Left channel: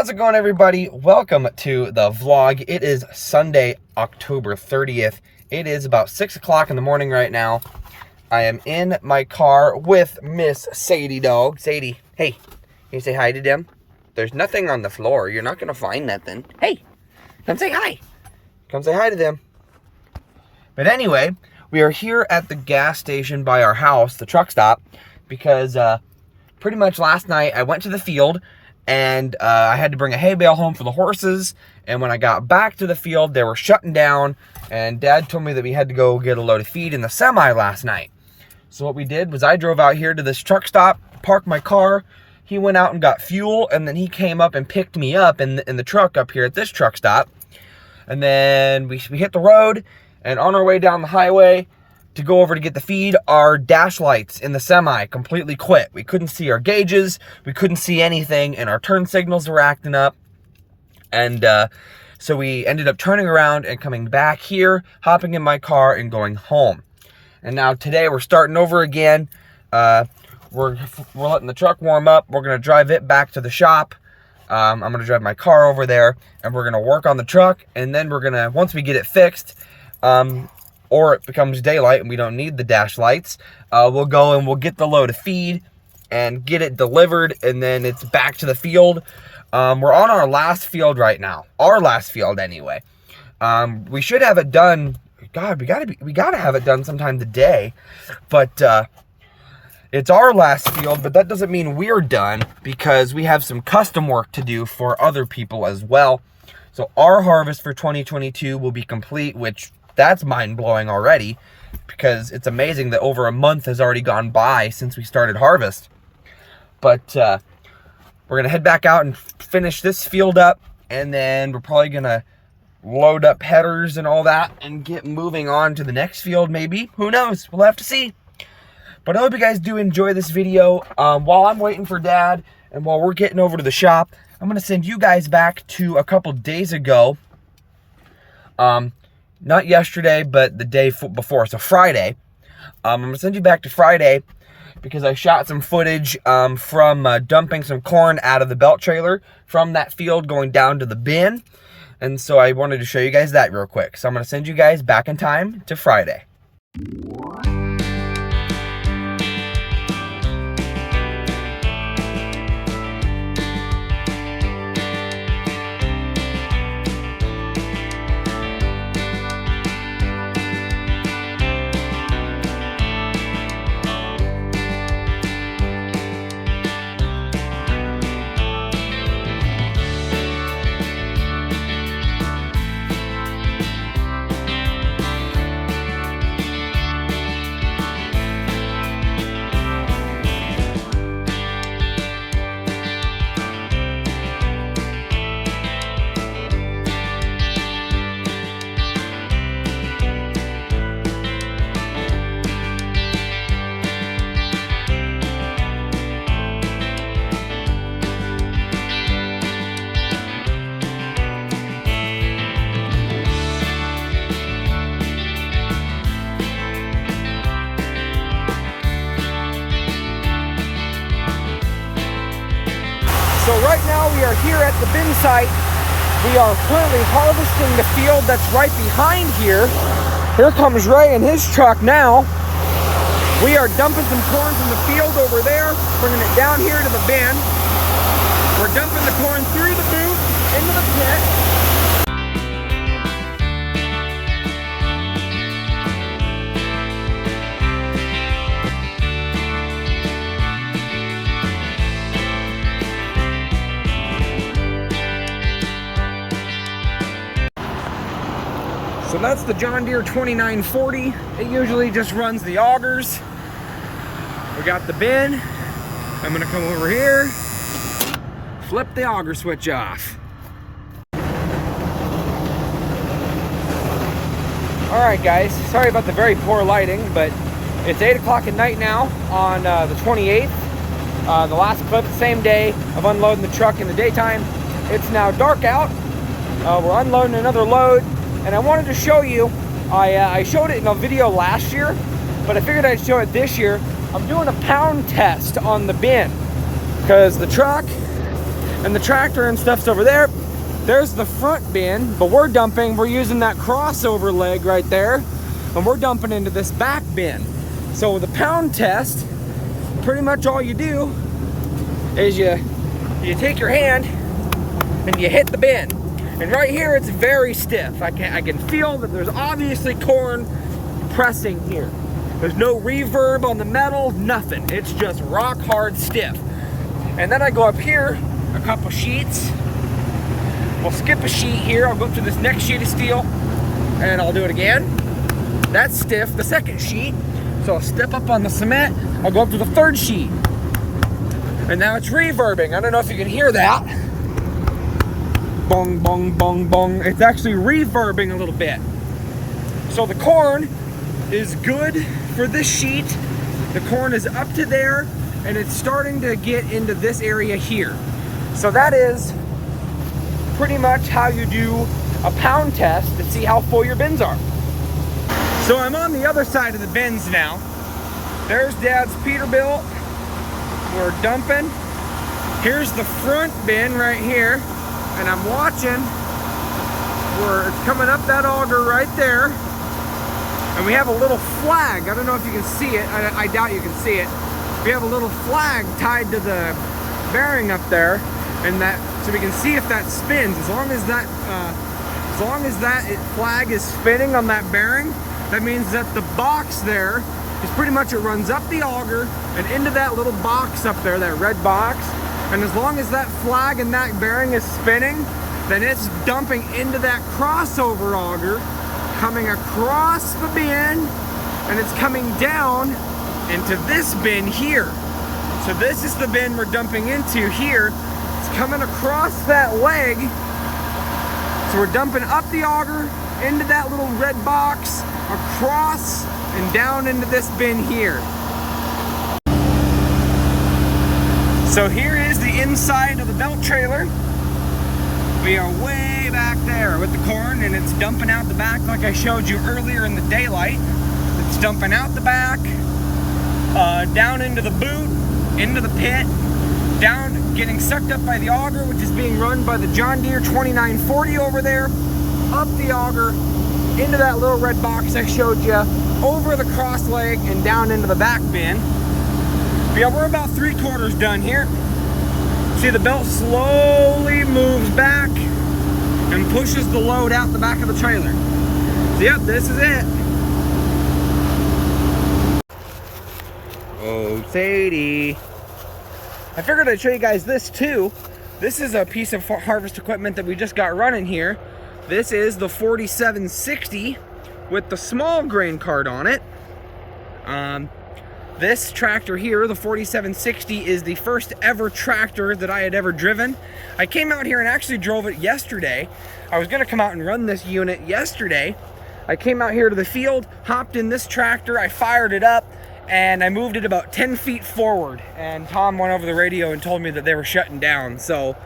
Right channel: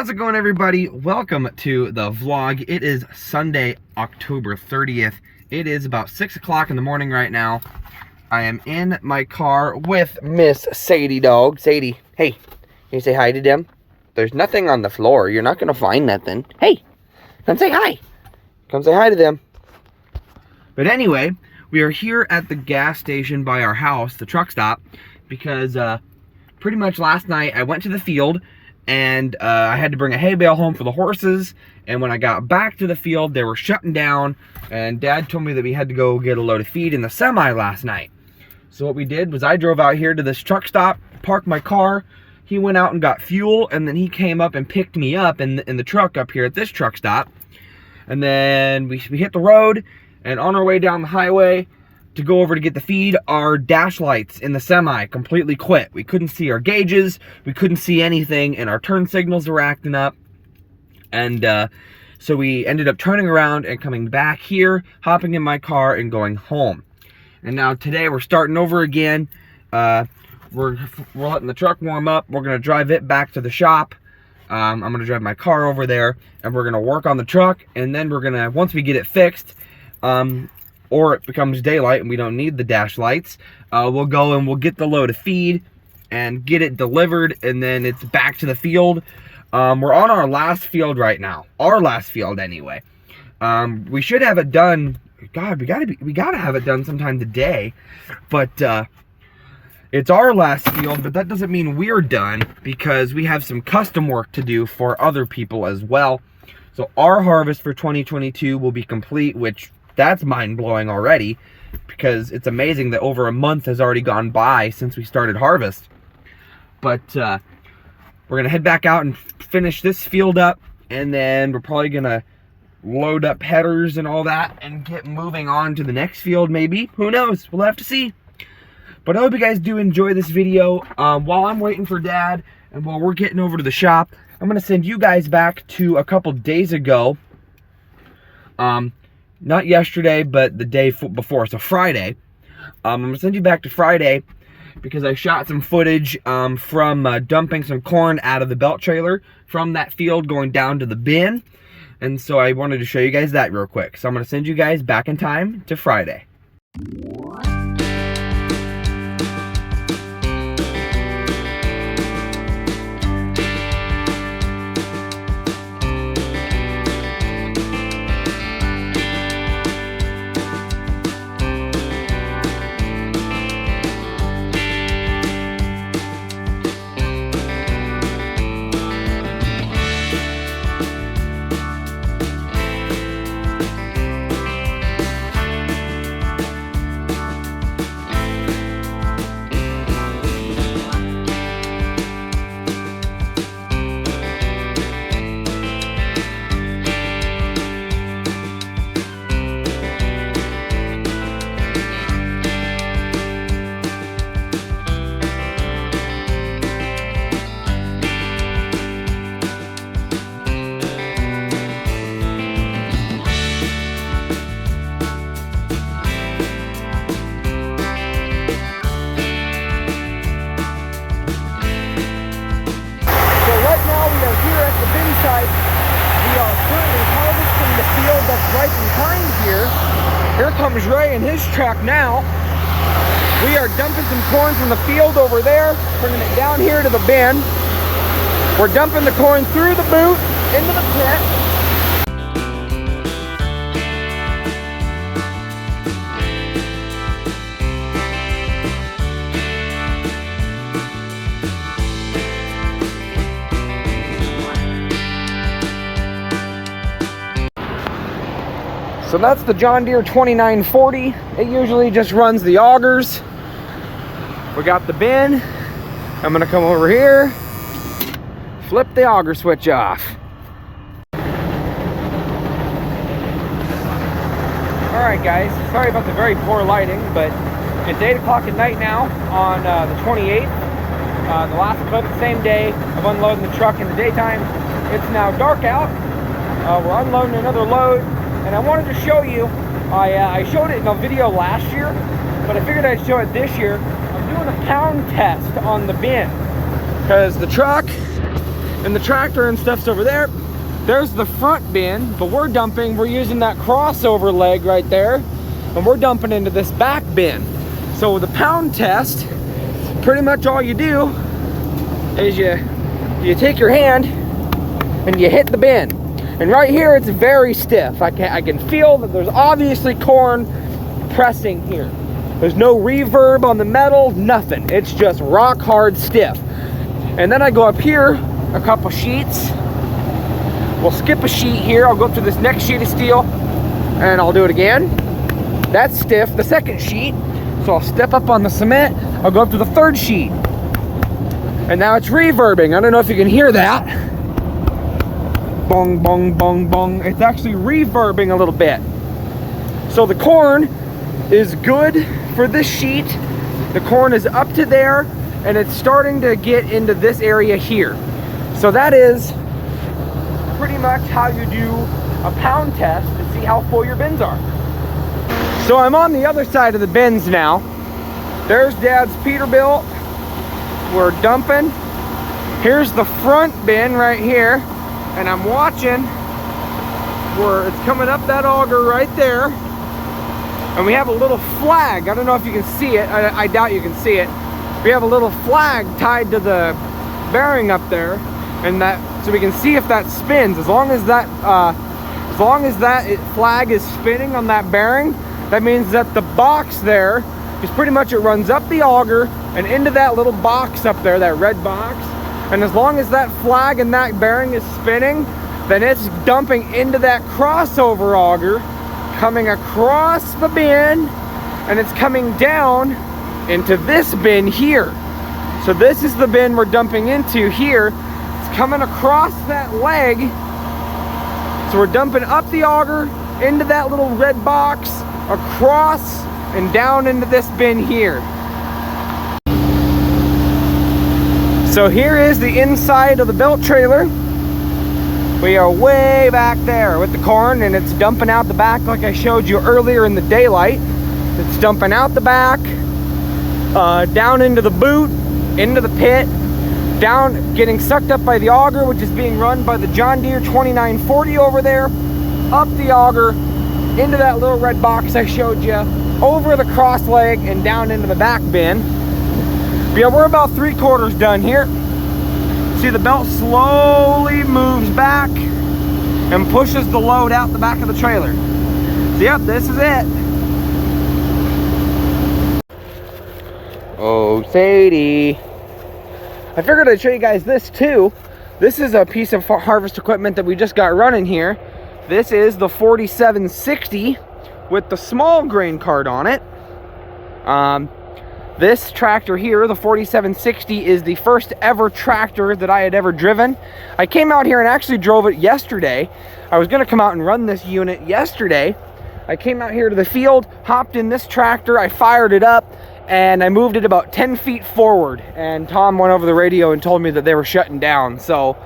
How's it going, everybody? Welcome to the vlog. It is Sunday, October 30th. It is about 6 o'clock in the morning right now. I am in my car with Miss Sadie dog. Sadie, hey, can you say hi to them? There's nothing on the floor. You're not going to find nothing. Hey, come say hi. Come say hi to them. But anyway, we are here at the gas station by our house, the truck stop, because pretty much last night I went to the field and I had to bring a hay bale home for the horses, and when I got back to the field, they were shutting down, and Dad told me that we had to go get a load of feed in the semi last night. So what we did was I drove out here to this truck stop, parked my car, he went out and got fuel, and then he came up and picked me up in the truck up here at this truck stop. And then we hit the road, and on our way down the highway to go over to get the feed, our dash lights in the semi completely quit. We couldn't see our gauges, we couldn't see anything, and our turn signals were acting up. And so we ended up turning around and coming back here, hopping in my car and going home. And now today we're starting over again. We're letting the truck warm up. We're gonna drive it back to the shop. I'm gonna drive my car over there, and we're gonna work on the truck, and then we're gonna, once we get it fixed, or it becomes daylight and we don't need the dash lights, we'll go and we'll get the load of feed and get it delivered, and then it's back to the field. We're on our last field right now. Our last field anyway. We should have it done. God, we gotta have it done sometime today. But it's our last field, but that doesn't mean we're done, because we have some custom work to do for other people as well. So our harvest for 2022 will be complete, which that's mind-blowing already, because it's amazing that over a month has already gone by since we started harvest. But we're gonna head back out and finish this field up, and then we're probably gonna load up headers and all that and get moving on to the next field, maybe. Who knows? We'll have to see. But I hope you guys do enjoy this video. While I'm waiting for Dad and while we're getting over to the shop, I'm gonna send you guys back to a couple days ago. Not yesterday, but the day before, so Friday. I'm gonna send you back to Friday because I shot some footage from dumping some corn out of the belt trailer from that field going down to the bin. And so I wanted to show you guys that real quick. So I'm gonna send you guys back in time to Friday. So right now we are here at the bin site. We are currently harvesting the field that's right behind here. Here comes Ray in his truck now. We are dumping some corn from the field over there, bringing it down here to the bin. We're dumping the corn through the boot into the pit. So that's the John Deere 2940. It usually just runs the augers. We got the bin. I'm gonna come over here, flip the auger switch off. All right, guys, sorry about the very poor lighting, but it's 8 o'clock at night now on the 28th. The last clip, the same day of unloading the truck in the daytime. It's now dark out. We're unloading another load. And I wanted to show you, I showed it in a video last year, but I figured I'd show it this year. I'm doing a pound test on the bin because the truck and the tractor and stuff's over there. There's the front bin, but we're using that crossover leg right there, and we're dumping into this back bin. So with the pound test, pretty much all you do is you take your hand and you hit the bin. And right here, it's very stiff. I can feel that there's obviously corn pressing here. There's no reverb on the metal, nothing. It's just rock hard stiff. And then I go up here a couple sheets. We'll skip a sheet here. I'll go up to this next sheet of steel and I'll do it again. That's stiff, the second sheet. So I'll step up on the cement. I'll go up to the third sheet. And now it's reverbing. I don't know if you can hear that. Bong, bong, bong, bong. It's actually reverbing a little bit. So the corn is good for this sheet. The corn is up to there and it's starting to get into this area here. So that is pretty much how you do a pound test to see how full your bins are. So I'm on the other side of the bins now. There's Dad's Peterbilt. We're dumping. Here's the front bin right here. And I'm watching where it's coming up that auger right there. And we have a little flag. I don't know if you can see it. I doubt you can see it. We have a little flag tied to the bearing up there, and that so we can see if that spins. As long as that flag is spinning on that bearing, that means that the box there is pretty much, it runs up the auger and into that little box up there, that red box. And as long as that flag and that bearing is spinning, then it's dumping into that crossover auger, coming across the bin, and it's coming down into this bin here. So this is the bin we're dumping into here. It's coming across that leg. So we're dumping up the auger into that little red box, across and down into this bin here. So here is the inside of the built trailer. We are way back there with the corn, and it's dumping out the back like I showed you earlier in the daylight. It's dumping out the back, down into the boot, into the pit, down, getting sucked up by the auger, which is being run by the John Deere 2940 over there, up the auger, into that little red box I showed you, over the cross leg, and down into the back bin. Yeah, we're about 3/4 done here. See, the belt slowly moves back and pushes the load out the back of the trailer. So, yep, this is it. Oh, Sadie. I figured I'd show you guys this too. This is a piece of harvest equipment that we just got running here. This is the 4760 with the small grain cart on it. This tractor here, the 4760, is the first ever tractor that I had ever driven. I came out here and actually drove it yesterday. I was gonna come out and run this unit yesterday. I came out here to the field, hopped in this tractor, I fired it up, and I moved it about 10 feet forward. And Tom went over the radio and told me that they were shutting down. So,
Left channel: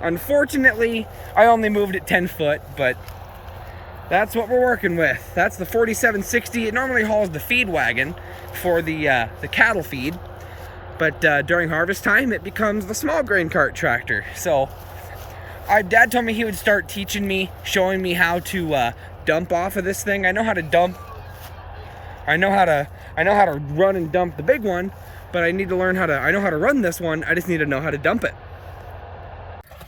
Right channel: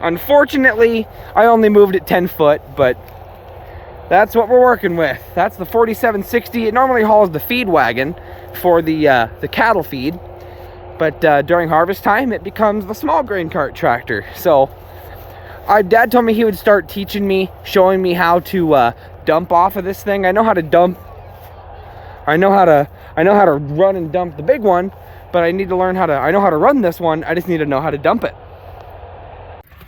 unfortunately, I only moved it 10 foot, but that's what we're working with. That's the 4760. It normally hauls the feed wagon for the cattle feed, but during harvest time it becomes the small grain cart tractor. So Dad told me he would start teaching me, showing me how to dump off of this thing. I know how to dump. I know how to run and dump the big one, but I need to learn how to. I know how to run this one. I just need to know how to dump it.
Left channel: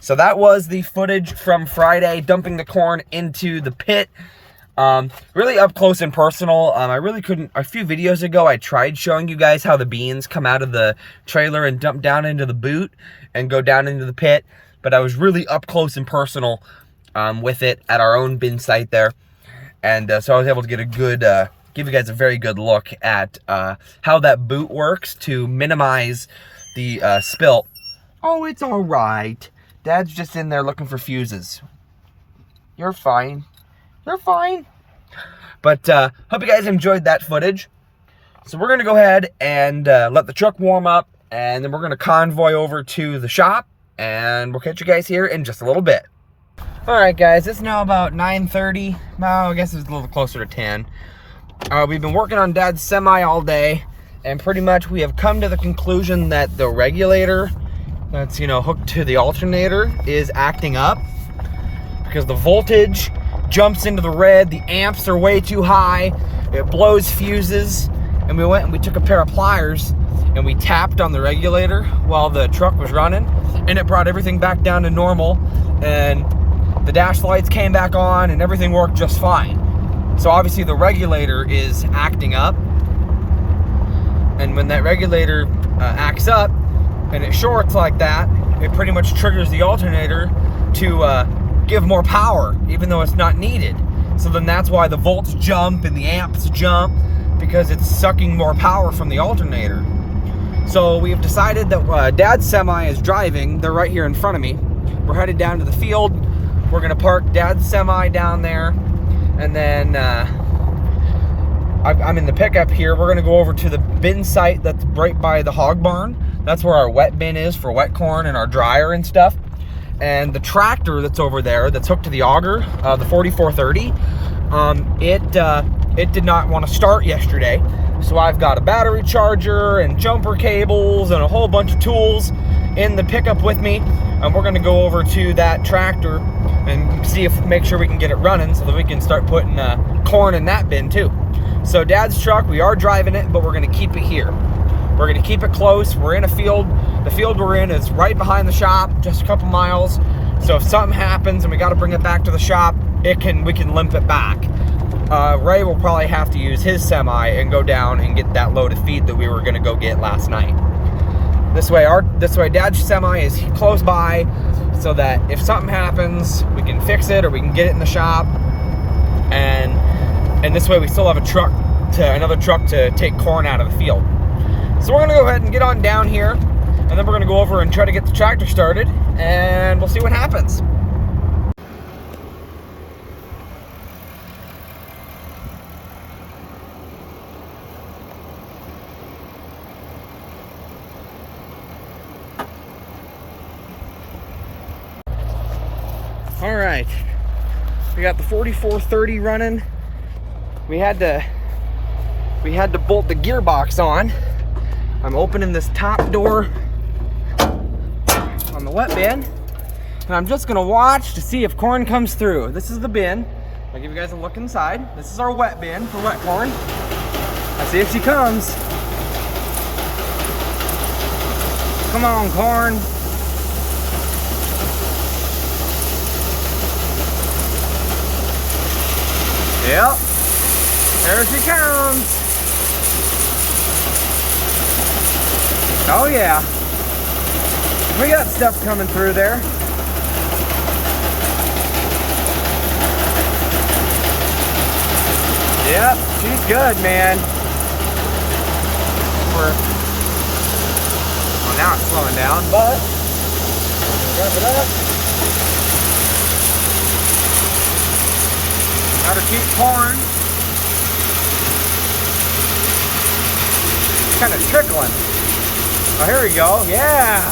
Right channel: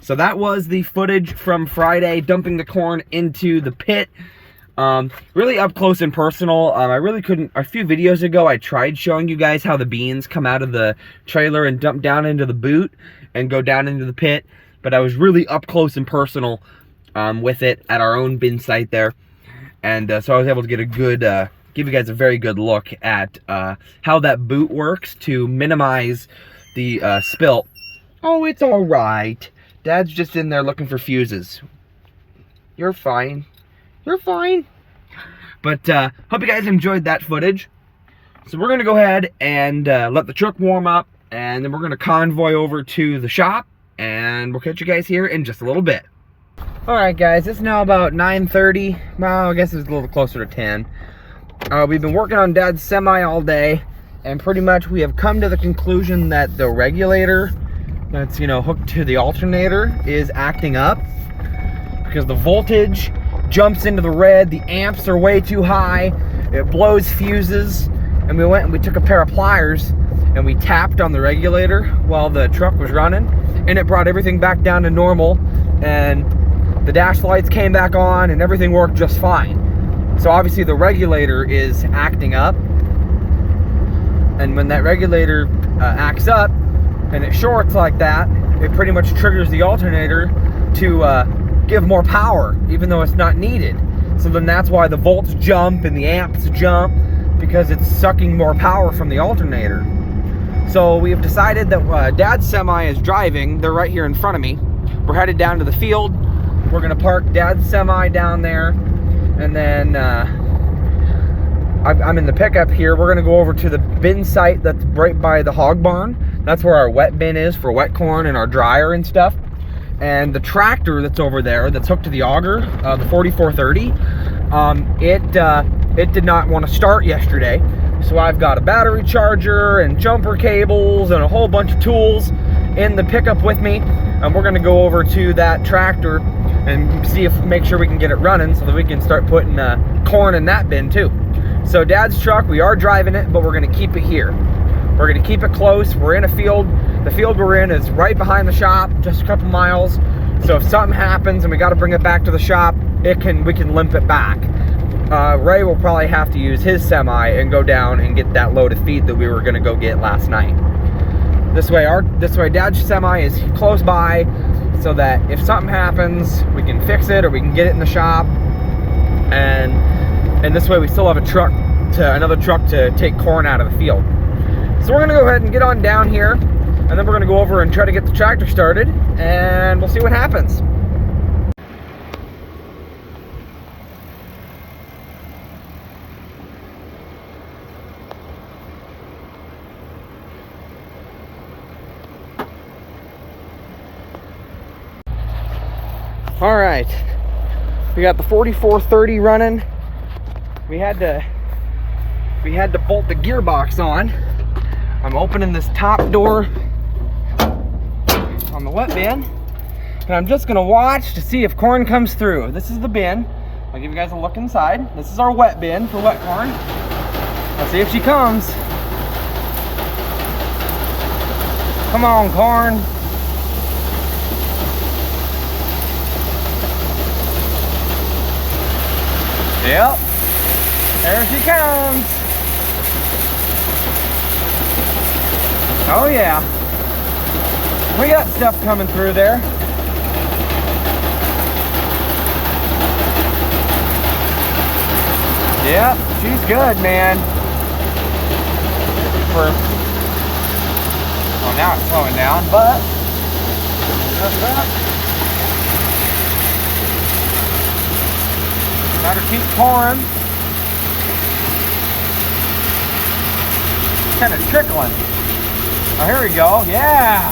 So that was the footage from Friday, dumping the corn into the pit. Really up close and personal. I really couldn't. A few videos ago, I tried showing you guys how the beans come out of the trailer and dump down into the boot and go down into the pit, but I was really up close and personal with it at our own bin site there, and so I was able to get a good, give you guys a very good look at how that boot works to minimize the spill. Oh, it's all right. Dad's just in there looking for fuses. You're fine. You're fine. But hope you guys enjoyed that footage. So we're going to go ahead and let the truck warm up, and then we're going to convoy over to the shop, and we'll catch you guys here in just a little bit. Alright guys, it's now about 9:30. Well, I guess it's a little closer to 10. We've been working on Dad's semi all day, and pretty much we have come to the conclusion that the regulator that's, hooked to the alternator is acting up because the voltage jumps into the red. The amps are way too high. It blows fuses. And we went and we took a pair of pliers and we tapped on the regulator while the truck was running, and it brought everything back down to normal, and the dash lights came back on and everything worked just fine. So obviously the regulator is acting up, and when that regulator acts up and it shorts like that, it pretty much triggers the alternator to give more power even though it's not needed. So then that's why the volts jump and the amps jump, because it's sucking more power from the alternator. So we have decided that Dad's semi is driving. They're right here in front of me. We're headed down to the field. We're gonna park Dad's semi down there, and then I'm in the pickup here. We're gonna go over to the bin site that's right by the hog barn. That's where our wet bin is for wet corn and our dryer and stuff. And the tractor that's over there, that's hooked to the auger, the 4430, it did not want to start yesterday. So I've got a battery charger and jumper cables and a whole bunch of tools in the pickup with me. And we're gonna go over to that tractor and make sure we can get it running so that we can start putting corn in that bin too. So Dad's truck, we are driving it, but we're gonna keep it here. We're gonna keep it close. We're in a field. The field we're in is right behind the shop, just a couple miles. So if something happens and we gotta bring it back to the shop, we can limp it back. Ray will probably have to use his semi and go down and get that load of feed that we were gonna go get last night. This way Dad's semi is close by, so that if something happens, we can fix it or we can get it in the shop. And this way we still have another truck to take corn out of the field. So we're gonna go ahead and get on down here, and then we're gonna go over and try to get the tractor started, and we'll see what happens. All right, we got the 4430 running. We had to bolt the gearbox on. I'm opening this top door on the wet bin, and I'm just gonna watch to see if corn comes through. This is the bin. I'll give you guys a look inside. This is our wet bin for wet corn. Let's see if she comes. Come on, corn. Yep, there she comes. Oh yeah, we got stuff coming through there. Yep, she's good, man. Well, now it's slowing down, but wrap it up. Gotta keep corn. Kind of trickling. Oh, here we go. Yeah.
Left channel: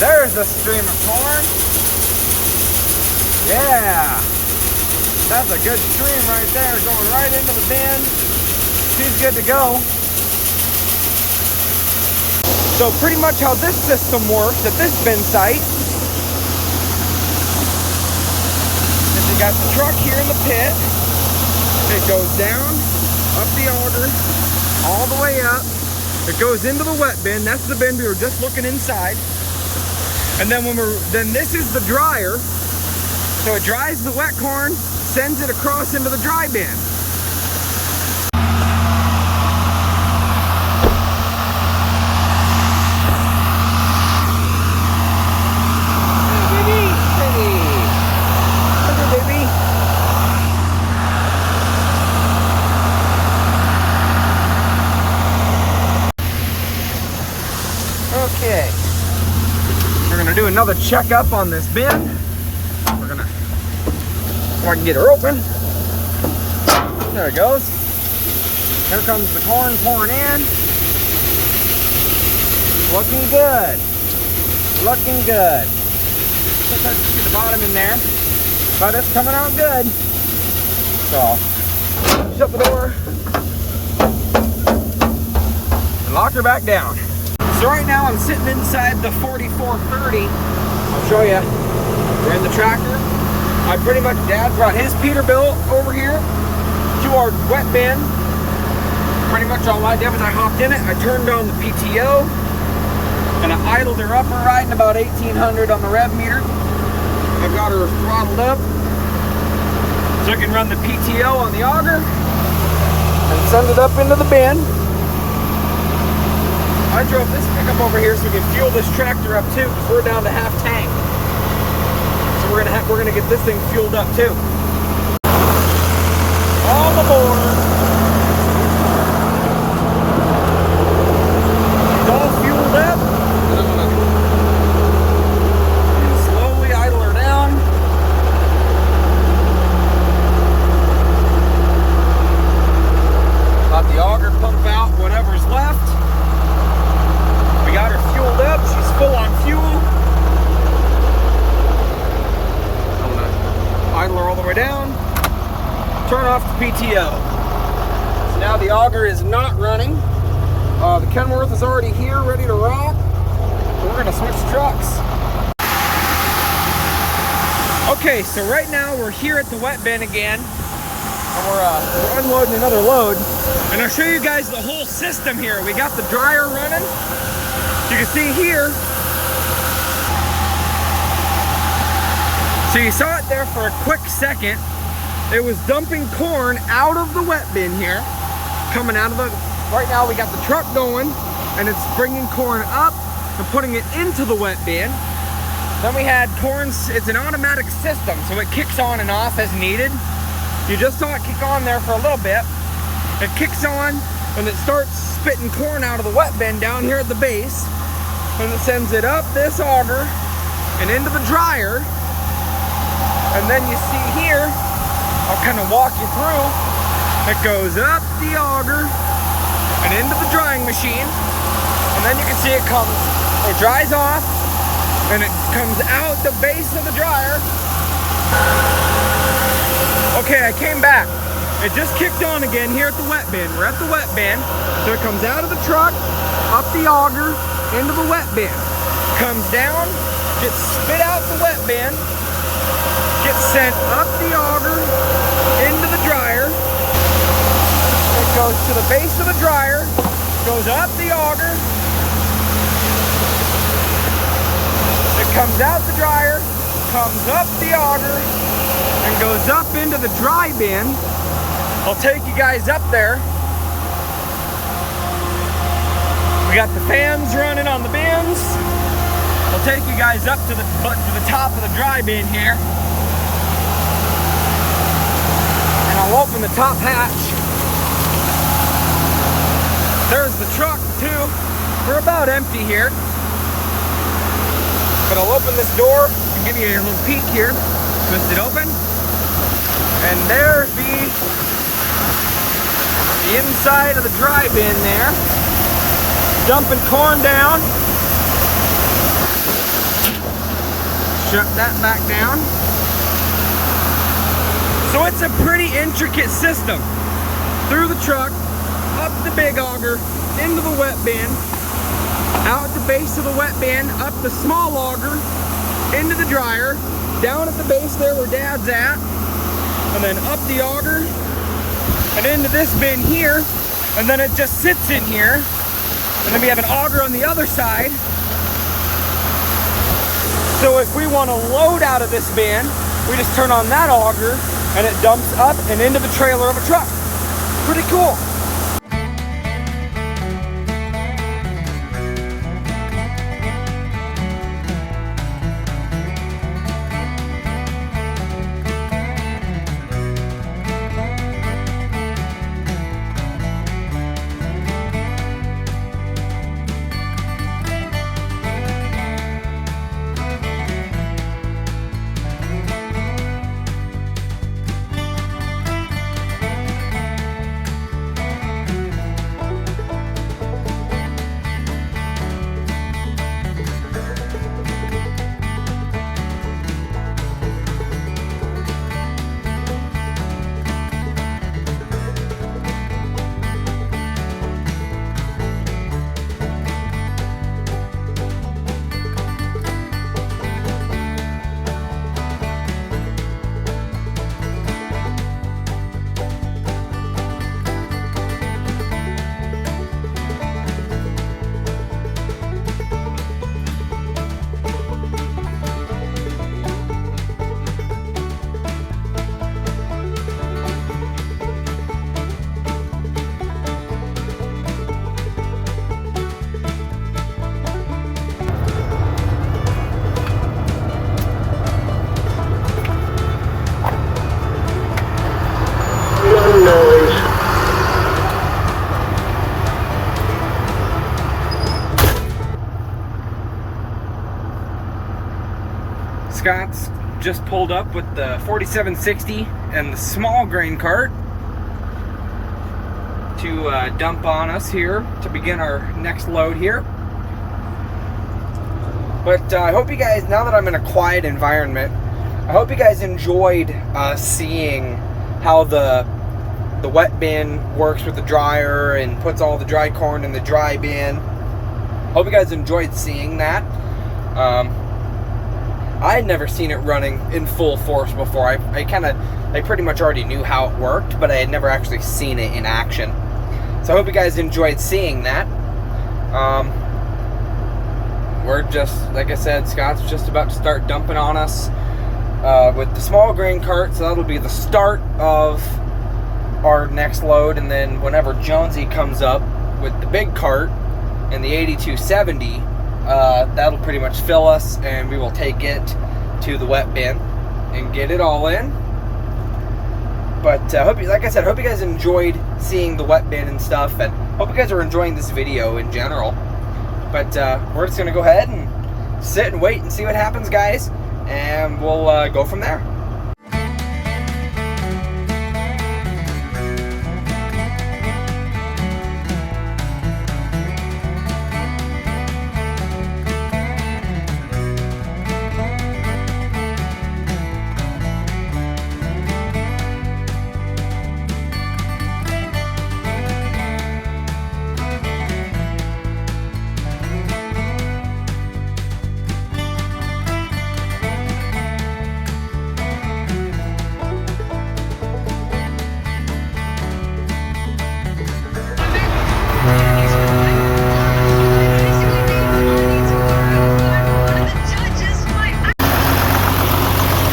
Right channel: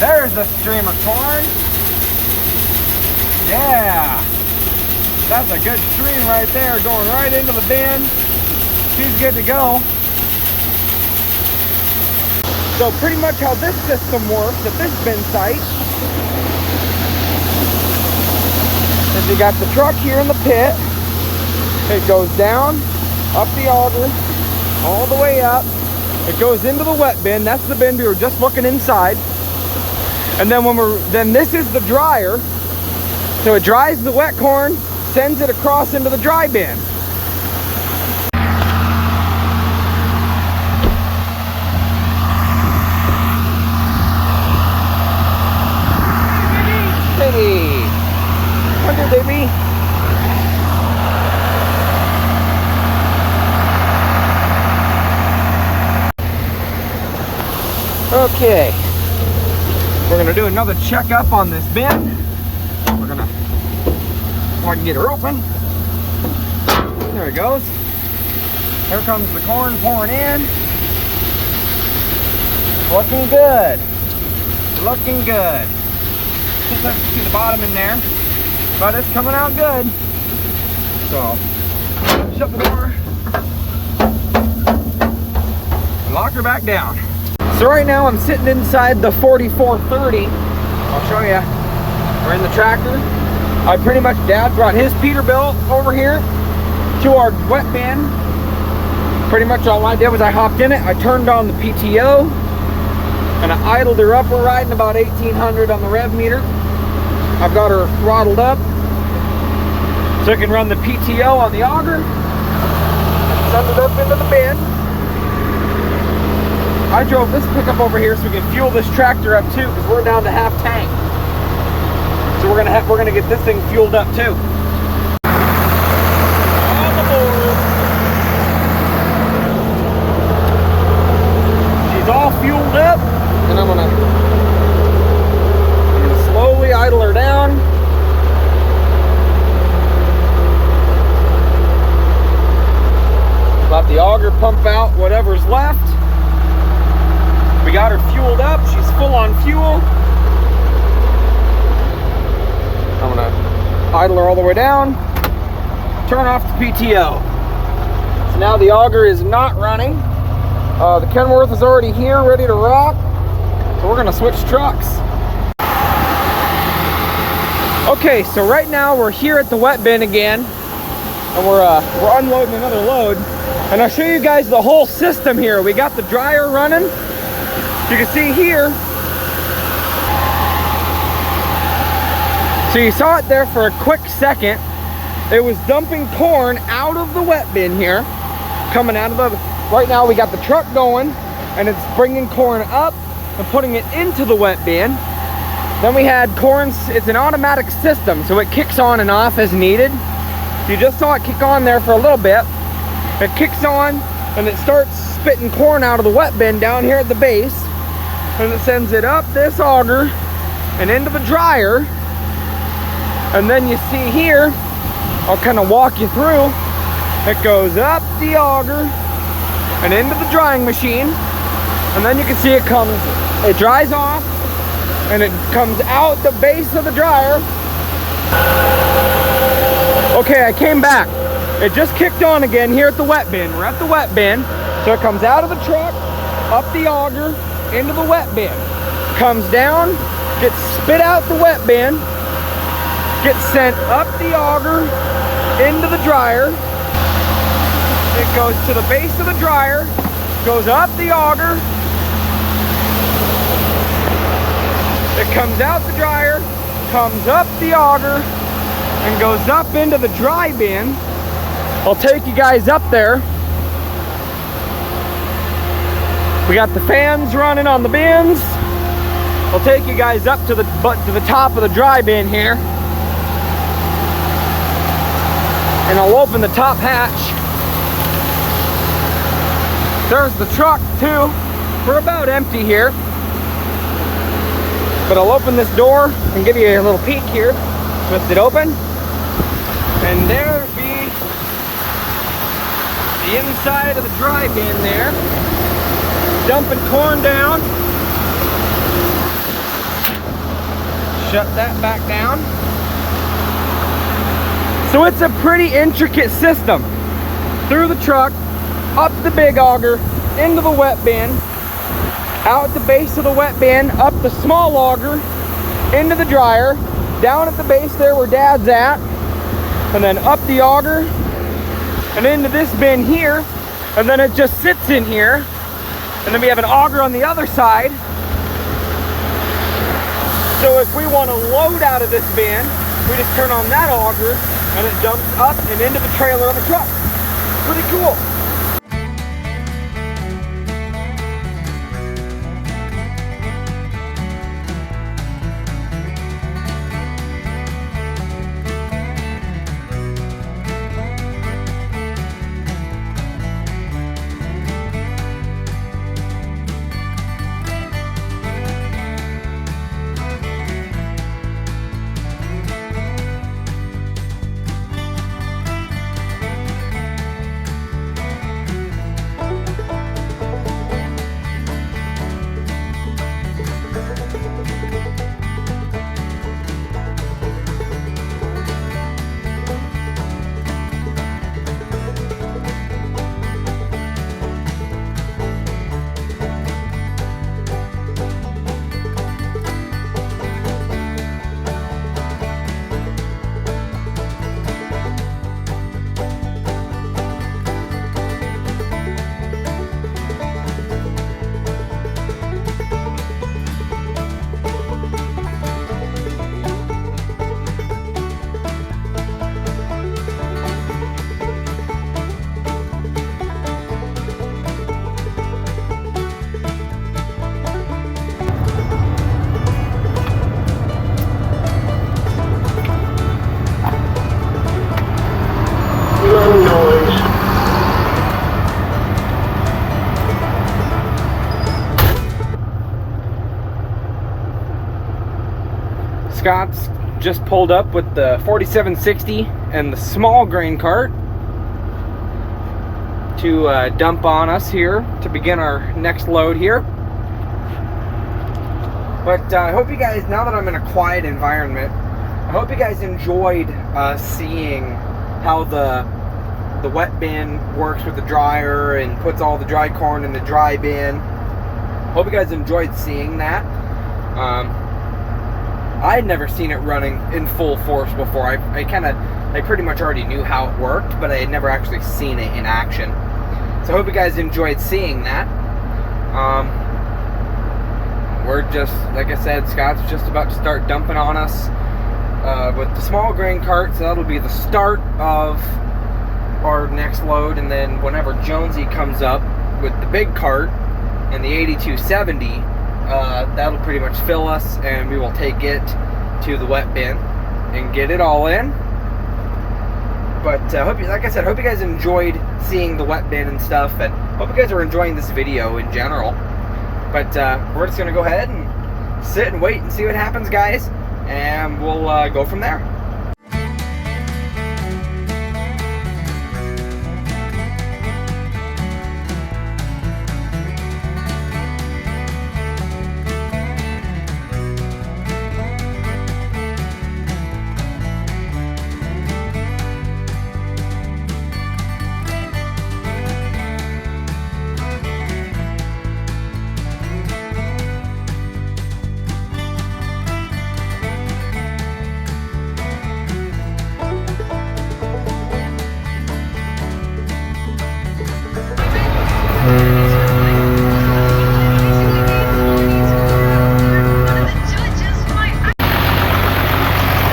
There's a stream of corn. Yeah. That's a good stream right there, going right into the bin. She's good to go. So pretty much how this system works at this bin site, we got the truck here in the pit. It goes down, up the auger, all the way up. It goes into the wet bin. That's the bin we were just looking inside. And then this is the dryer. So it dries the wet corn, sends it across into the dry bin. Baby. Okay, we're gonna do another checkup on this bin. We're gonna, so I can get her open. There it goes. Here comes the corn pouring in. Looking good. Looking good. Just have to see the bottom in there. But it's coming out good. So I'll shut the door and lock her back down. So right now I'm sitting inside the 4430. I'll show you. We're in the tractor. I pretty much, Dad brought his Peterbilt over here to our wet bin. Pretty much all I did was I hopped in it, I turned on the PTO, and I idled her up. We're riding about 1800 on the rev meter. I've got her throttled up so I can run the PTO on the auger and send it up into the bin. I drove this pickup over here so we can fuel this tractor up too, because we're down to half tank. So we're gonna get this thing fueled up too. On the board. It's all fueled up, and I'm gonna slowly idle her down. Let the auger pump out whatever's left. We got her fueled up. She's full on fuel. I'm gonna idle her all the way down, turn off the PTO. So now the auger is not running. The Kenworth is already here, ready to rock. So we're gonna switch trucks. Okay, so right now we're here at the wet bin again, and we're unloading another load. And I'll show you guys the whole system here. We got the dryer running. You can see here. So you saw it there for a quick second. It was dumping corn out of the wet bin here, coming out of the, right now we got the truck going, and it's bringing corn up and putting it into the wet bin. Then we had corn, it's an automatic system, so it kicks on and off as needed. You just saw it kick on there for a little bit. It kicks on and it starts spitting corn out of the wet bin down here at the base, and it sends it up this auger and into the dryer. And then you see here, I'll kind of walk you through. It goes up the auger and into the drying machine. And then you can see it dries off, and it comes out the base of the dryer. Okay, I came back. It just kicked on again here at the wet bin. We're at the wet bin. So it comes out of the truck, up the auger, into the wet bin. Comes down, gets spit out the wet bin, gets sent up the auger into the dryer. It goes to the base of the dryer, goes up the auger. It comes out the dryer, comes up the auger, and goes up into the dry bin. I'll take you guys up there. We got the fans running on the bins. I'll take you guys up to the top of the dry bin here. And I'll open the top hatch. There's the truck too. We're about empty here. But I'll open this door and give you a little peek here. Twist it open. And there be the inside of the dry bin there. Dumping corn down. Shut that back down. So it's a pretty intricate system. Through the truck, up the big auger, into the wet bin, out the base of the wet bin, up the small auger, into the dryer, down at the base there where Dad's at, and then up the auger, and into this bin here, and then it just sits in here, and then we have an auger on the other side. So if we want to load out of this bin, we just turn on that auger, and it dumps up and into the trailer of a truck. Pretty cool. Scott's just pulled up with the 4760 and the small grain cart to dump on us here to begin our next load here. But I hope you guys, now that I'm in a quiet environment, I hope you guys enjoyed seeing how the wet bin works with the dryer and puts all the dry corn in the dry bin. Hope you guys enjoyed seeing that. I had never seen it running in full force before. I pretty much already knew how it worked, but I had never actually seen it in action. So I hope you guys enjoyed seeing that. We're just, like I said, Scott's just about to start dumping on us with the small grain cart, so that'll be the start of our next load. And then whenever Jonesy comes up with the big cart and the 8270, that'll pretty much fill us, and we will take it to the wet bin and get it all in. But hope you, like I said, hope you guys enjoyed seeing the wet bin and stuff, and hope you guys are enjoying this video in general. But we're just gonna go ahead and sit and wait and see what happens, guys, and we'll go from there.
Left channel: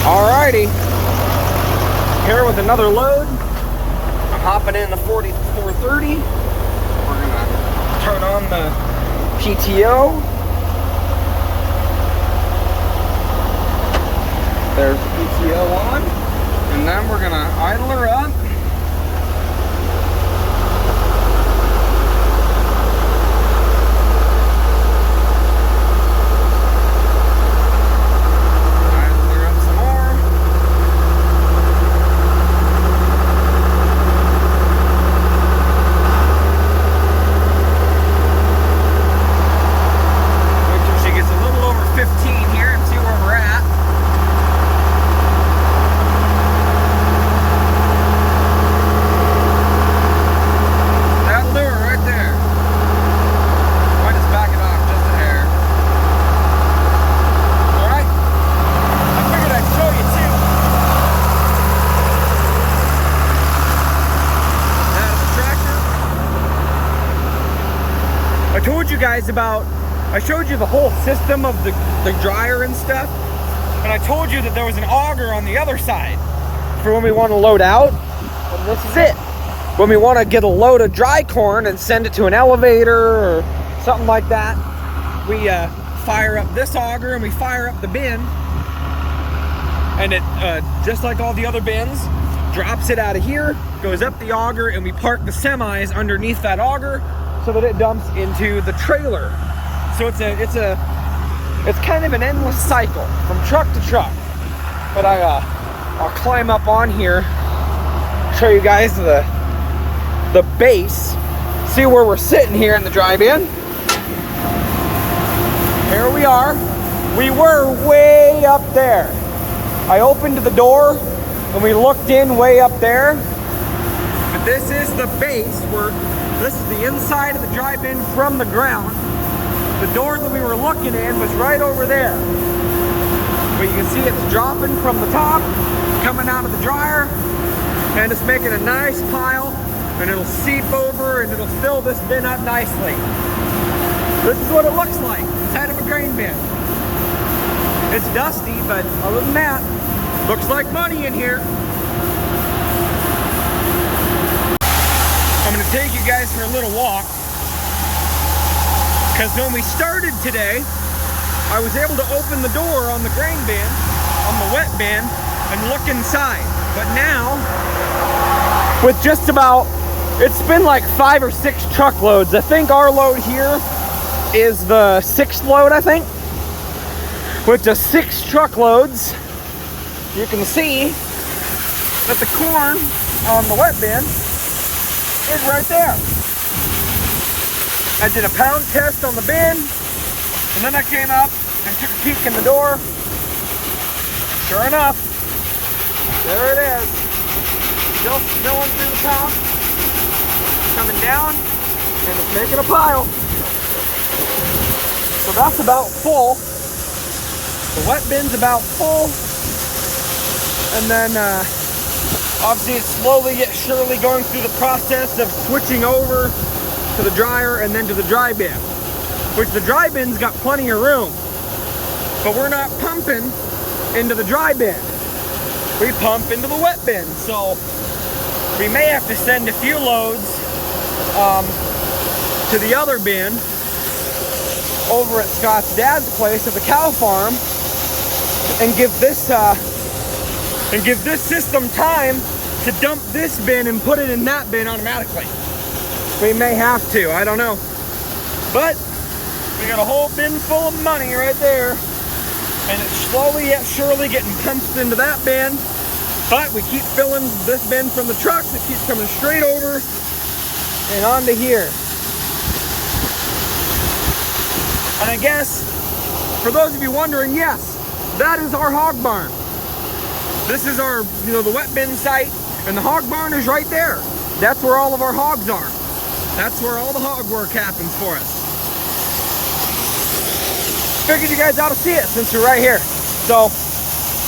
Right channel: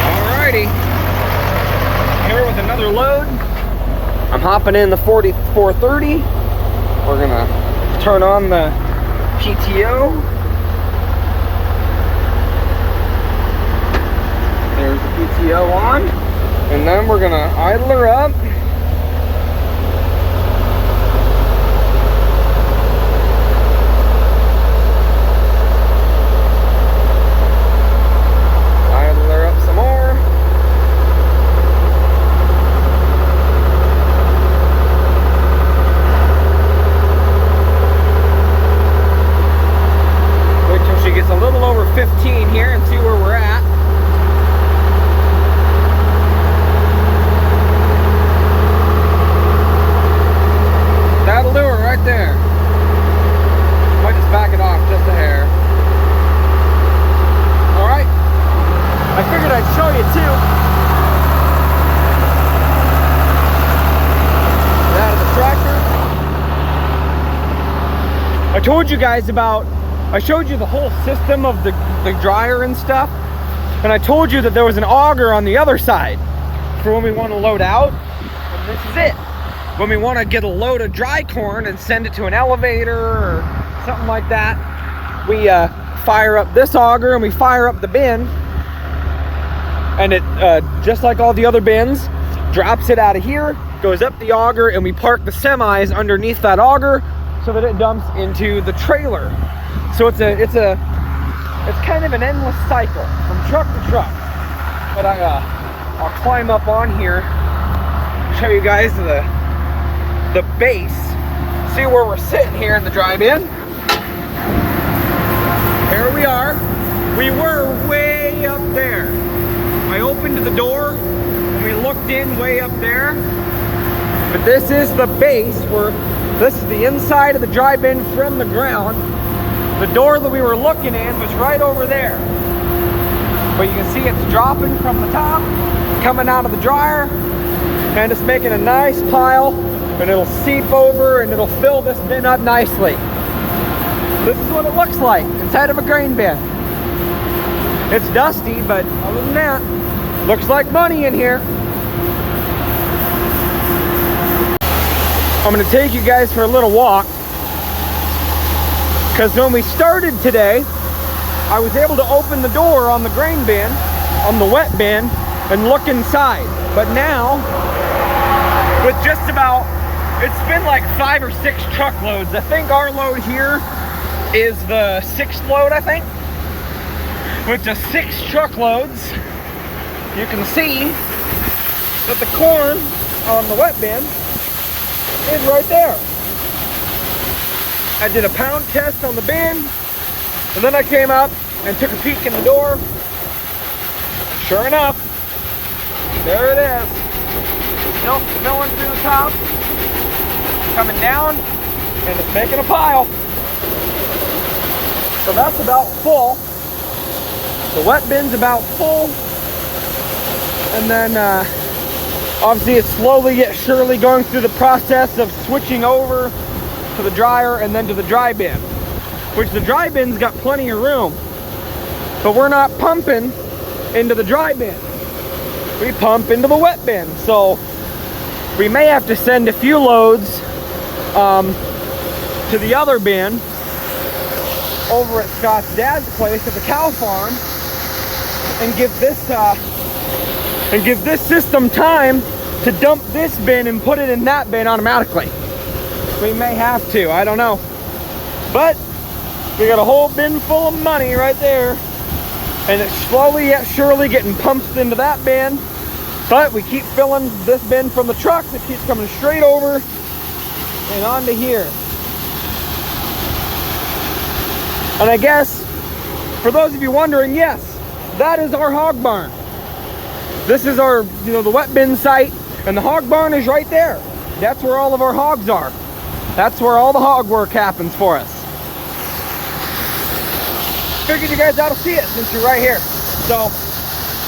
Alrighty, here with another load. I'm hopping in the 4430. We're gonna turn on the PTO. There's the PTO on, and then we're gonna idle her up. I told you guys I showed you the whole system of the dryer and stuff, and I told you that there was an auger on the other side for when we want to load out, and this is it. When we want to get a load of dry corn and send it to an elevator or something like that, we fire up this auger and we fire up the bin, and it, just like all the other bins, drops it out of here, goes up the auger, and we park the semis underneath that auger so that it dumps into the trailer. So it's kind of an endless cycle from truck to truck. But I'll climb up on here, show you guys the base, see where we're sitting here in the dry bin. Here we are. We were way up there. I opened the door and we looked in way up there. But this is the base where this is the inside of the dry bin from the ground. The door that we were looking in was right over there. But you can see it's dropping from the top, coming out of the dryer, and it's making a nice pile, and it'll seep over and it'll fill this bin up nicely. This is what it looks like inside of a grain bin. It's dusty, but other than that, looks like money in here. I'm gonna take you guys for a little walk, because when we started today, I was able to open the door on the grain bin, on the wet bin, and look inside. But now, with just about, it's been like 5 or 6 truckloads. I think our load here is the 6th load, I think. with just 6 truckloads. You can see that the corn on the wet bin is right there. I did a pound test on the bin, and then I came up and took a peek in the door. Sure enough, there it is. Still filling through the top, coming down, and it's making a pile. So that's about full. The wet bin's about full. And then obviously it's slowly yet surely going through the process of switching over to the dryer and then to the dry bin, which the dry bin's got plenty of room, but we're not pumping into the dry bin. We pump into the wet bin, so we may have to send a few loads to the other bin over at Scott's dad's place at the cow farm and give this system time to dump this bin and put it in that bin automatically. We may have to, I don't know. But we got a whole bin full of money right there, and it's slowly yet surely getting pumped into that bin. But we keep filling this bin from the truck that keeps coming straight over and onto here. And I guess, for those of you wondering, yes, that is our hog barn. This is our, the wet bin site, and the hog barn is right there. That's where all of our hogs are. That's where all the hog work happens for us. Figured you guys ought to see it since you're right here. So,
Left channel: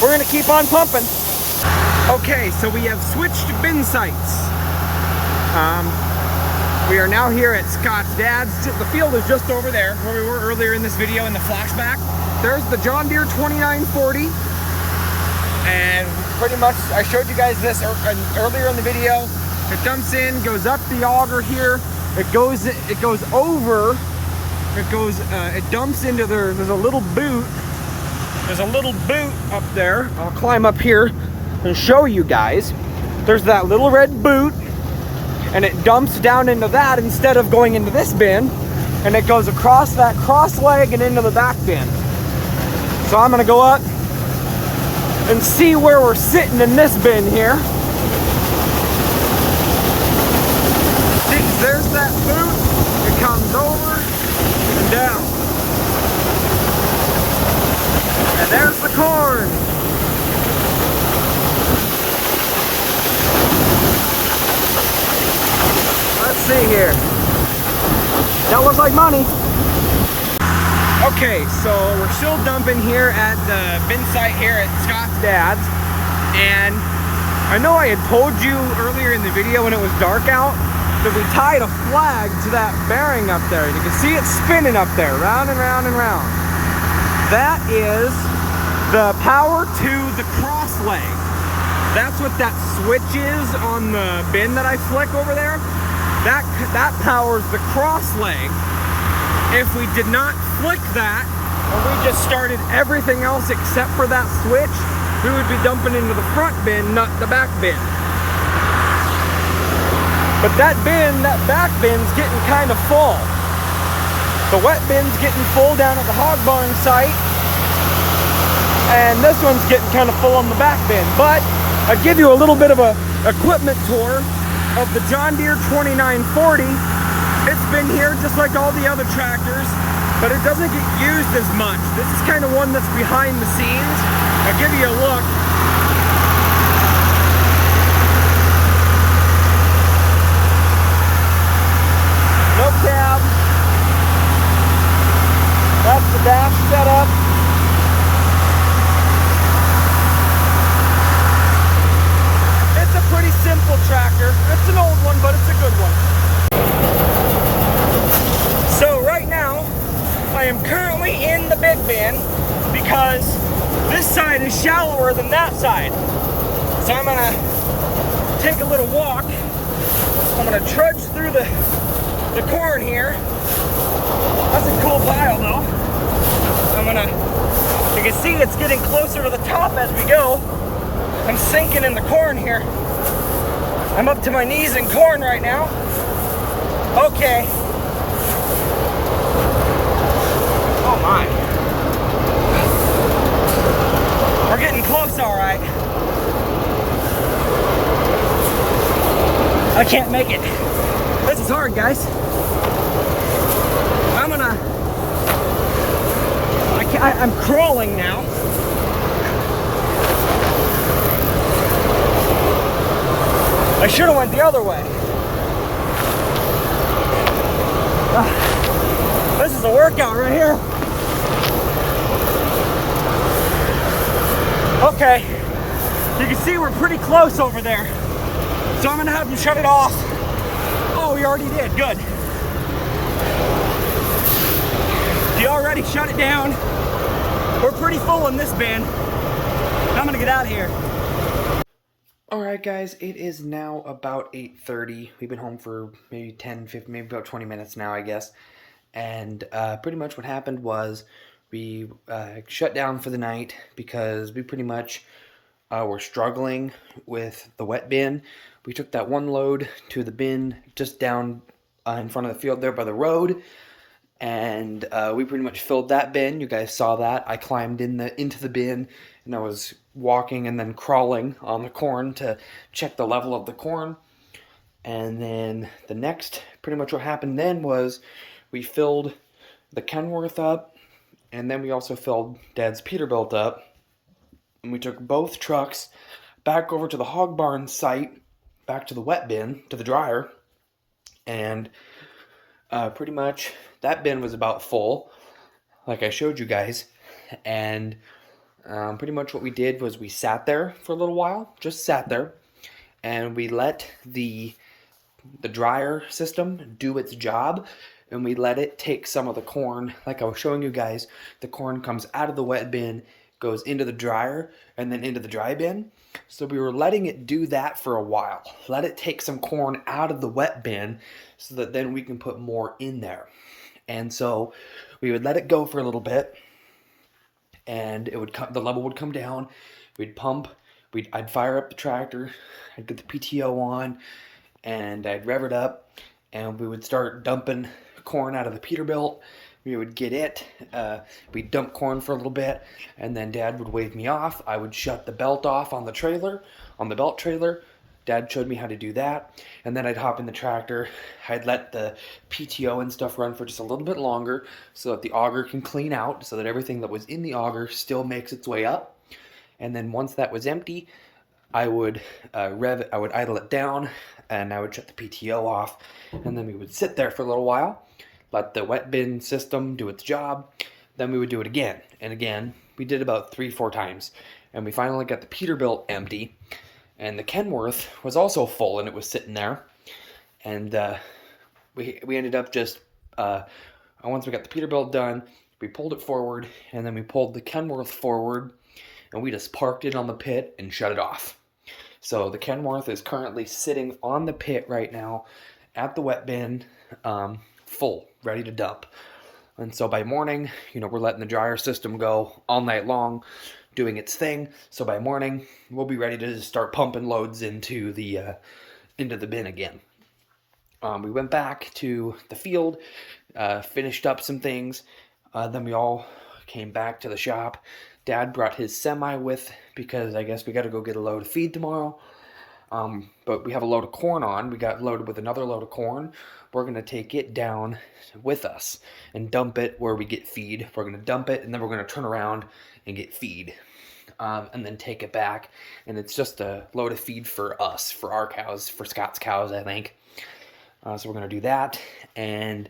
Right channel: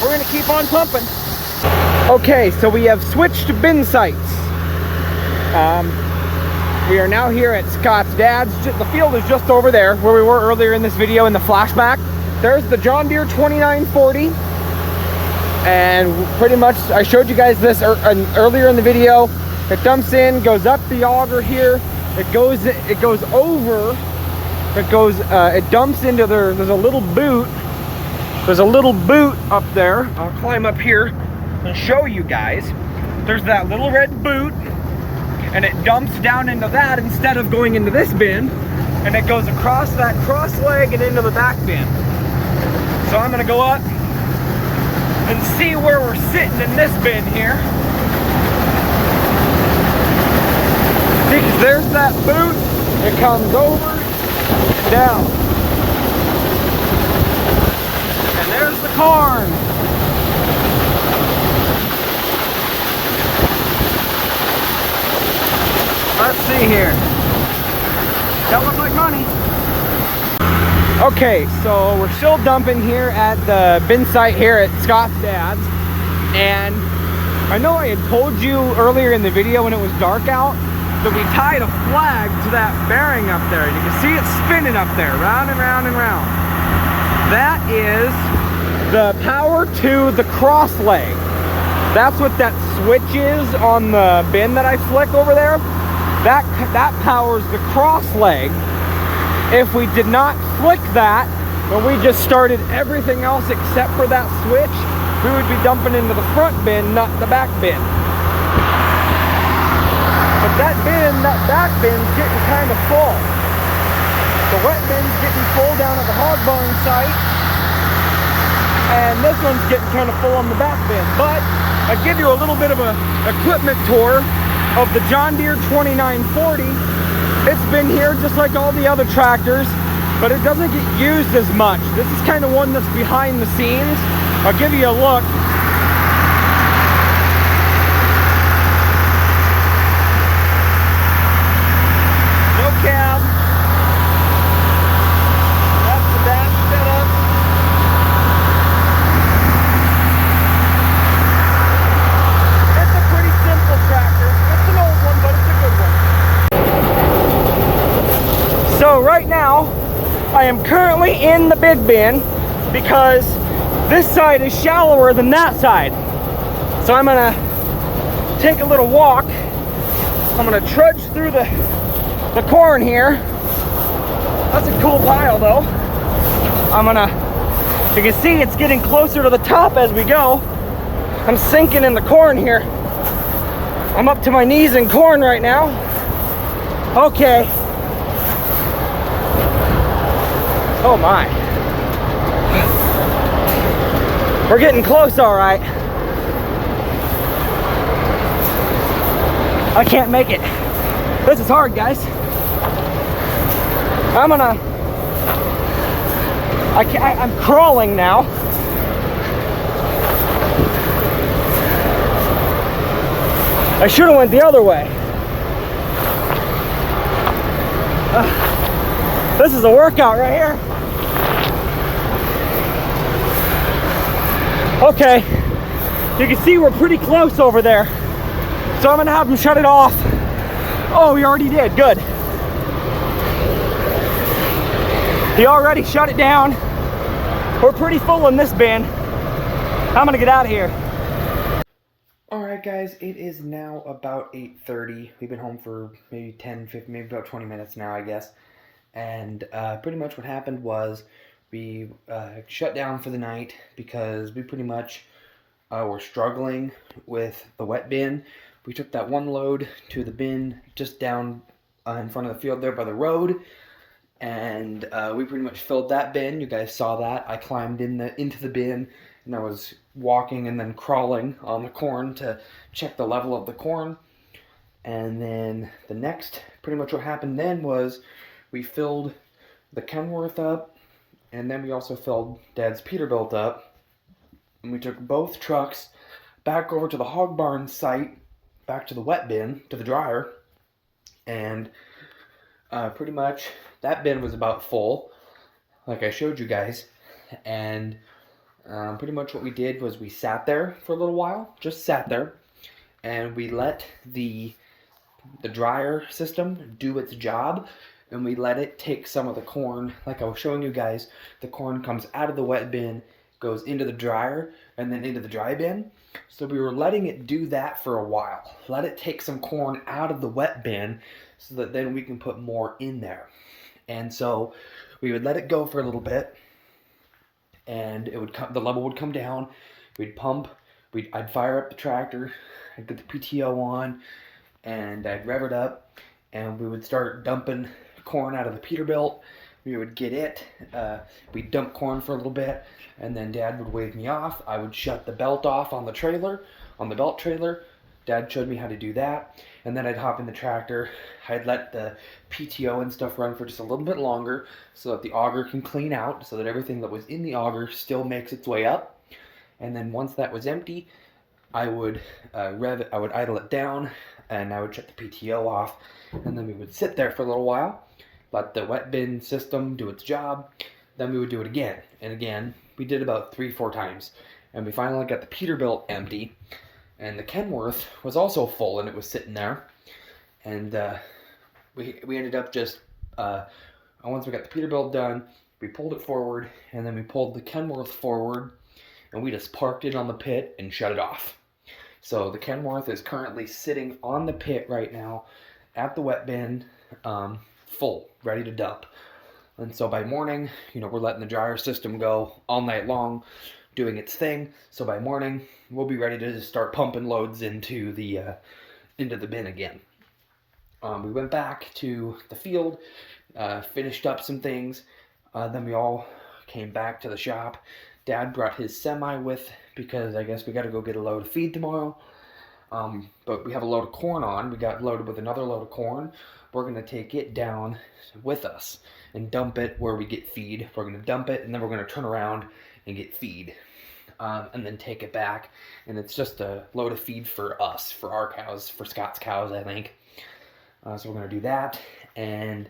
we're gonna keep on pumping. Okay, so we have switched bin sites. We are now here at Scott's dad's. The field is just over there where we were earlier in this video in the flashback. There's the John Deere 2940. And pretty much, I showed you guys this earlier in the video. It dumps in, goes up the auger here. It dumps into there. There's a little boot. There's a little boot up there. I'll climb up here and show you guys. There's that little red boot, and it dumps down into that instead of going into this bin, and it goes across that cross leg and into the back bin. So I'm gonna go up and see where we're sitting in this bin here. There's that boot. It comes over and down. And there's the corn. Let's see here. That looks like money. Okay, so we're still dumping here at the bin site here at Scott's dad's. And I know I had told you earlier in the video when it was dark out that we tied a flag to that bearing up there. You can see it spinning up there, round and round and round. That is the power to the cross leg. That's what that switch is on the bin that I flick over there. That powers the cross leg. If we did not flick that, and we just started everything else except for that switch, we would be dumping into the front bin, not the back bin. But that back bin's getting kind of full. The wet bin's getting full down at the hog barn site, and this one's getting kind of full on the back bin. But I'll give you a little bit of a equipment tour of the John Deere 2940. It's been here just like all the other tractors, but it doesn't get used as much. This is kind of one that's behind the scenes. I'll give you a look. No cab. That's the dash setup. It's a pretty simple tractor. It's an old one, but it's a good one. So right now, I am currently in the big bin because this side is shallower than that side. So I'm gonna take a little walk. I'm gonna trudge through the corn here. That's a cool pile though. You can see it's getting closer to the top as we go. I'm sinking in the corn here. I'm up to my knees in corn right now. Okay. Oh my. We're getting close, all right. I can't make it. This is hard, guys. I'm crawling now. I should have went the other way. This is a workout right here. Okay, you can see we're pretty close over there. So I'm gonna have them shut it off. Oh, he already did, good. He already shut it down. We're pretty full in this bin. I'm gonna get out of here. Alright guys, it is now about 8:30. We've been home for maybe 10, 15, maybe about 20 minutes now, I guess. And pretty much what happened was we shut down for the night because we pretty much were struggling with the wet bin. We took that one load to the bin just down in front of the field there by the road. And we pretty much filled that bin. You guys saw that. I climbed into the bin, and I was walking and then crawling on the corn to check the level of the corn. And then the next, pretty much what happened then was we filled the Kenworth up, and then we also filled Dad's Peterbilt up. And we took both trucks back over to the hog barn site, back to the wet bin, to the dryer, and pretty much that bin was about full, like I showed you guys. And pretty much what we did was we sat there for a little while, just sat there, and we let the dryer system do its job, and we let it take some of the corn, like I was showing you guys. The corn comes out of the wet bin, goes into the dryer, and then into the dry bin. So we were letting it do that for a while. Let it take some corn out of the wet bin so that then we can put more in there. And so we would let it go for a little bit, and it would the level would come down. We'd pump, I'd fire up the tractor, I'd get the PTO on, and I'd rev it up, and we would start dumping corn out of the Peterbilt. We would get it, we'd dump corn for a little bit, and then Dad would wave me off. I would shut the belt off on the trailer, on the belt trailer. Dad showed me how to do that, and then I'd hop in the tractor. I'd let the PTO and stuff run for just a little bit longer so that the auger can clean out, so that everything that was in the auger still makes its way up. And then once that was empty, I would I would idle it down, and I would shut the PTO off, and then we would sit there for a little while, let the wet bin system do its job. Then we would do it again and again. We did about 3-4 times, and we finally got the Peterbilt empty, and the Kenworth was also full, and it was sitting there. And we ended up just once we got the Peterbilt done, we pulled it forward, and then we pulled the Kenworth forward, and we just parked it on the pit and shut it off. So the Kenworth is currently sitting on the pit right now at the wet bin, full, ready to dump. And so by morning, we're letting the dryer system go all night long, doing its thing. So by morning, we'll be ready to start pumping loads into the bin again. We went back to the field, finished up some things. Then we all came back to the shop. Dad brought his semi with, because I guess we got to go get a load of feed tomorrow. But we have a load of corn on. We got loaded with another load of corn. We're going to take it down with us and dump it where we get feed. We're going to dump it, and then we're going to turn around and get feed. And then take it back. And it's just a load of feed for us, for our cows, for Scott's cows, I think. So we're going to do that. And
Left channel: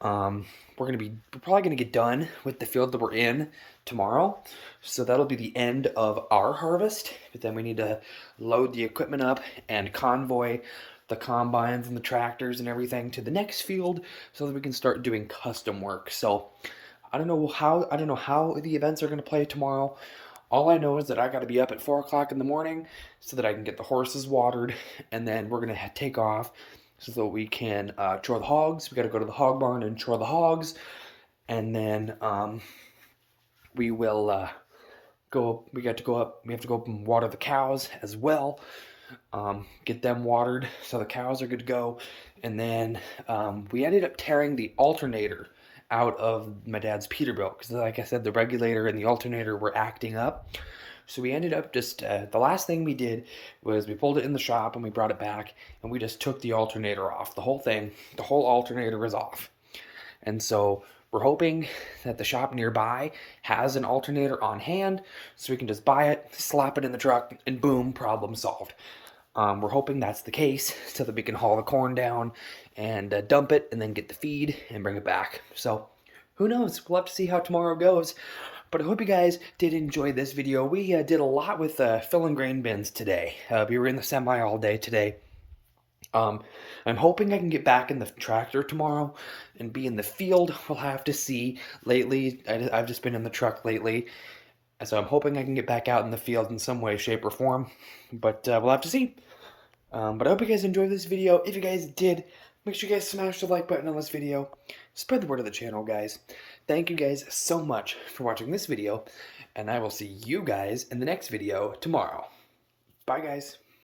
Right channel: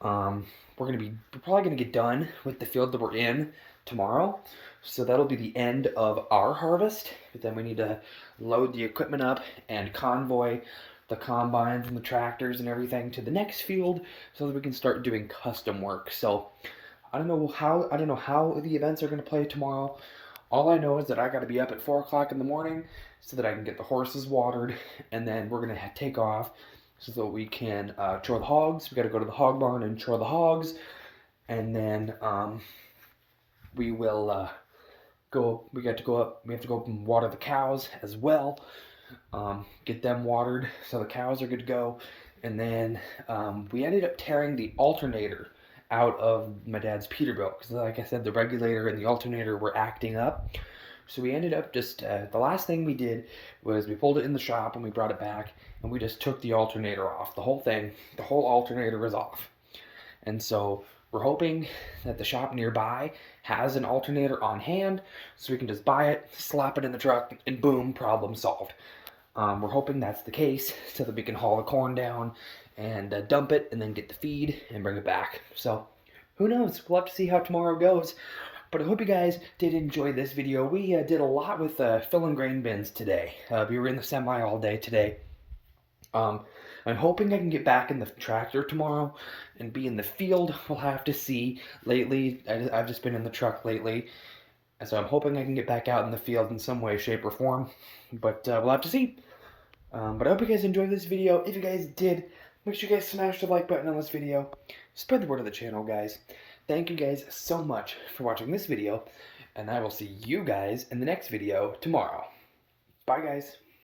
we're probably going to get done with the field that we're in tomorrow. So that'll be the end of our harvest. But then we need to load the equipment up and convoy the combines and the tractors and everything to the next field so that we can start doing custom work. So I don't know how the events are going to play tomorrow. All I know is that I got to be up at 4 o'clock in the morning so that I can get the horses watered, and then we're going to take off so that we can chore the hogs. We got to go to the hog barn and chore the hogs, and then we will we have to go up and water the cows as well, get them watered so the cows are good to go. And then we ended up tearing the alternator out of my dad's Peterbilt because, like I said, the regulator and the alternator were acting up. So we ended up just, the last thing we did was we pulled it in the shop and we brought it back and we just took the alternator off. The whole thing, the whole alternator is off. And so we're hoping that the shop nearby has an alternator on hand so we can just buy it, slap it in the truck, and boom, problem solved. We're hoping that's the case so that we can haul the corn down and dump it and then get the feed and bring it back. So who knows? We'll have to see how tomorrow goes. But I hope you guys did enjoy this video. We did a lot with filling grain bins today. We were in the semi all day today. I'm hoping I can get back in the tractor tomorrow and be in the field. We'll have to see. Lately, I've just been in the truck lately. So I'm hoping I can get back out in the field in some way, shape, or form. But we'll have to see. But I hope you guys enjoyed this video. If you guys did, make sure you guys smash the like button on this video. Spread the word of the channel, guys. Thank you guys so much for watching this video. And I will see you guys in the next video tomorrow. Bye, guys.